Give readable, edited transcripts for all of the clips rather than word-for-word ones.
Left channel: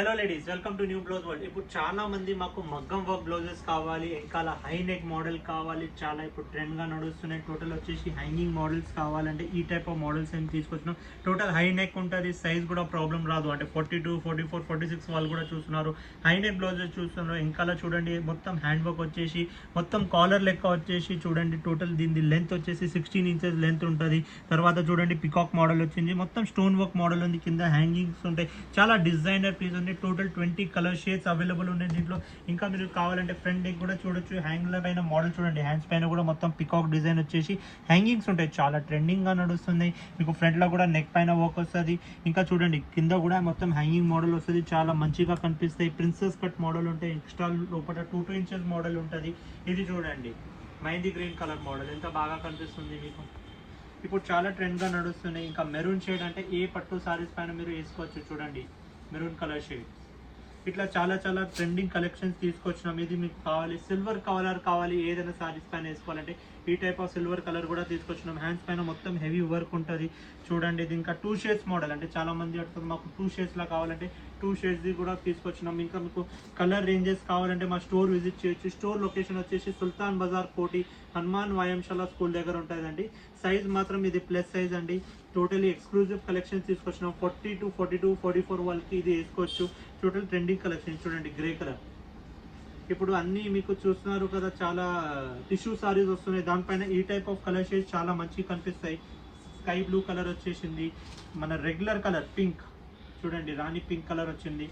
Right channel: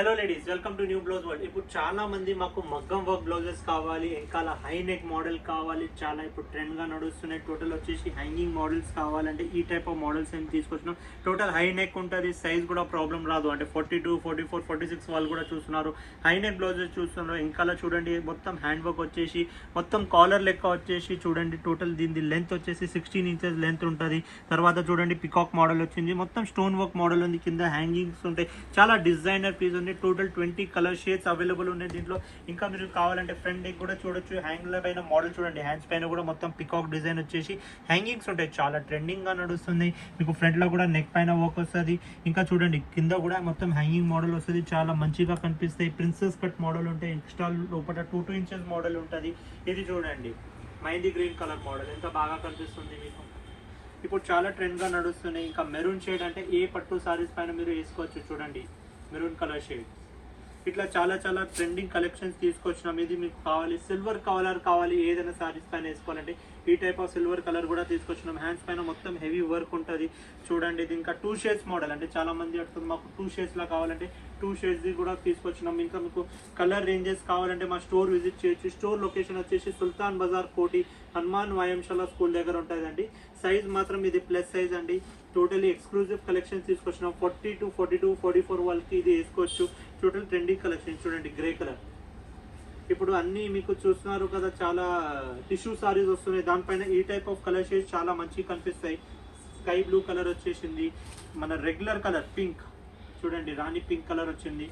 Hello ladies, welcome to new blouse world. ఇప్పుడు చాలా మంది మాకు మగ్గం వర్క్ బ్లౌజెస్ కావాలి, వెనకాల హై నెక్ మోడల్ కావాలి, చాలా ఇప్పుడు ట్రెండ్ గా నడుస్తున్నాయి. టోటల్ వచ్చేసి హ్యాంగింగ్ మోడల్స్ కావాలంటే ఈ టైప్ ఆఫ్ మోడల్స్ ఏమి తీసుకొచ్చినాం. టోటల్ హై నెక్ ఉంటుంది, సైజ్ కూడా ప్రాబ్లం రాదు. అంటే 42, 44, 46 వాళ్ళు కూడా చూస్తున్నారు. హై నెక్ బ్లౌజెస్ చూస్తున్నారు. వెనకాల చూడండి మొత్తం హ్యాండ్ వర్క్ వచ్చేసి మొత్తం కాలర్ లెక్క వచ్చేసి చూడండి. టోటల్ దీని లెంత్ వచ్చేసి 16 ఇంచెస్ లెంత్ ఉంటుంది. తర్వాత చూడండి పికాక్ మోడల్ వచ్చింది, మొత్తం స్టోన్ వర్క్ మోడల్ ఉంది, కింద హ్యాంగింగ్స్ ఉంటాయి. చాలా డిజైనర్ పీస్ ఉంది. టోటల్ 20 కలర్ షేడ్స్ అవైలబుల్ ఉన్నాయి దీంట్లో. ఇంకా మీరు కావాలంటే ఫ్రంట్ నెక్ కూడా చూడొచ్చు. హ్యాంగ్ల పైన మోడల్ చూడండి, హ్యాండ్స్ పైన కూడా మొత్తం పికాక్ డిజైన్ వచ్చేసి హ్యాంగింగ్స్ ఉంటాయి. చాలా ట్రెండింగ్ గా నడుస్తుంది. మీకు ఫ్రంట్ లో కూడా నెక్ పైన వర్క్ వస్తుంది. ఇంకా చూడండి కింద కూడా మొత్తం హ్యాంగింగ్ మోడల్ వస్తుంది. చాలా మంచిగా కనిపిస్తాయి. ప్రిన్సెస్ కట్ మోడల్ ఉంటాయి. ఎక్స్ట్రా లోపల 2 ఇంచెస్ మోడల్ ఉంటుంది. ఇది చూడండి మైందీ గ్రీన్ కలర్ మోడల్ ఎంత బాగా కనిపిస్తుంది మీకు. ఇప్పుడు చాలా ట్రెండ్ గా నడుస్తున్నాయి. ఇంకా మెరూన్ షేడ్ అంటే ఏ పట్టు సారీస్ పైన మీరు వేసుకోవచ్చు. చూడండి మెరూన్ కలర్ షేడ్. ఇట్లా చాలా చాలా ట్రెండింగ్ కలెక్షన్స్ తీసుకొచ్చినాం. ఇది మీకు కావాలి, సిల్వర్ కలర్ కావాలి, ఏదైనా సారీస్ పైన వేసుకోవాలంటే ఈ టైప్ ఆఫ్ సిల్వర్ కలర్ కూడా తీసుకొచ్చినాం. హ్యాండ్స్ పైన మొత్తం హెవీ వర్క్ ఉంటుంది. చూడండి ఇది ఇంకా 2 షేడ్స్ మోడల్. అంటే చాలా మంది అడుగుతుంది మాకు 2 షేడ్స్ లా కావాలంటే 2 షేడ్స్ కూడా తీసుకొచ్చినాం. ఇంకా మీకు కలర్ రేంజెస్ కావాలంటే మా స్టోర్ విజిట్ చేయొచ్చు. స్టోర్ లొకేషన్ వచ్చేసి సుల్తాన్ బజార్ కోటి హనుమాన్ వాయంశాల స్కూల్ దగ్గర ఉంటుందండి. సైజ్ మాత్రం ఇది ప్లస్ సైజ్ అండి. టోటలీ ఎక్స్క్లూజివ్ కలెక్షన్స్ తీసుకొచ్చినాం. 42, 42, 44 వాళ్ళకి ఇది వేసుకోవచ్చు. టోటల్ ట్రెండింగ్ కలెక్షన్ చూడండి గ్రే కలర్. ఇప్పుడు అన్ని మీకు చూస్తున్నారు కదా, చాలా టిష్యూ సారీస్ వస్తున్నాయి. దానిపైన ఈ టైప్ ఆఫ్ కలర్ షేడ్స్ చాలా మంచిగా కనిపిస్తాయి. స్కై బ్లూ కలర్ వచ్చేసింది, మన రెగ్యులర్ కలర్ పింక్ చూడండి, రాణి పింక్ కలర్ వచ్చింది,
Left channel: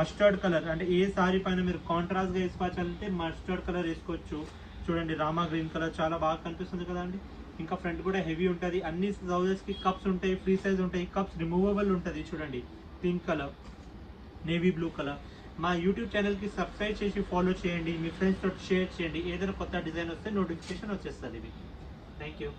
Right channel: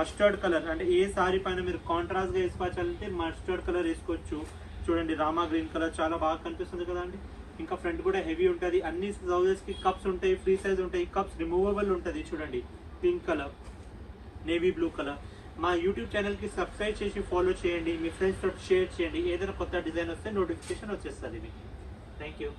మస్టర్డ్ కలర్. అంటే ఏ సారీ పైన మీరు కాంట్రాస్ట్ గా వేసుకోవాలంటే మస్టర్డ్ కలర్ వేసుకోవచ్చు. చూడండి రామా గ్రీన్ కలర్ చాలా బాగా కనిపిస్తుంది కదండి. ఇంకా ఫ్రంట్ కూడా హెవీ ఉంటుంది. అన్ని బ్లౌజెస్ కి కప్స్ ఉంటాయి, ఫ్రీ సైజ్ ఉంటాయి. కప్స్ రిమూవబుల్ ఉంటుంది. చూడండి pink colour, navy blue colour. మా యూట్యూబ్ ఛానల్ కి సబ్స్క్రైబ్ చేసి ఫాలో చేయండి. మీ ఫ్రెండ్స్ తోటి షేర్ చేయండి. ఏదైనా కొత్త డిజైన్ వస్తే నోటిఫికేషన్ వచ్చేస్తుంది మీకు. Thank you.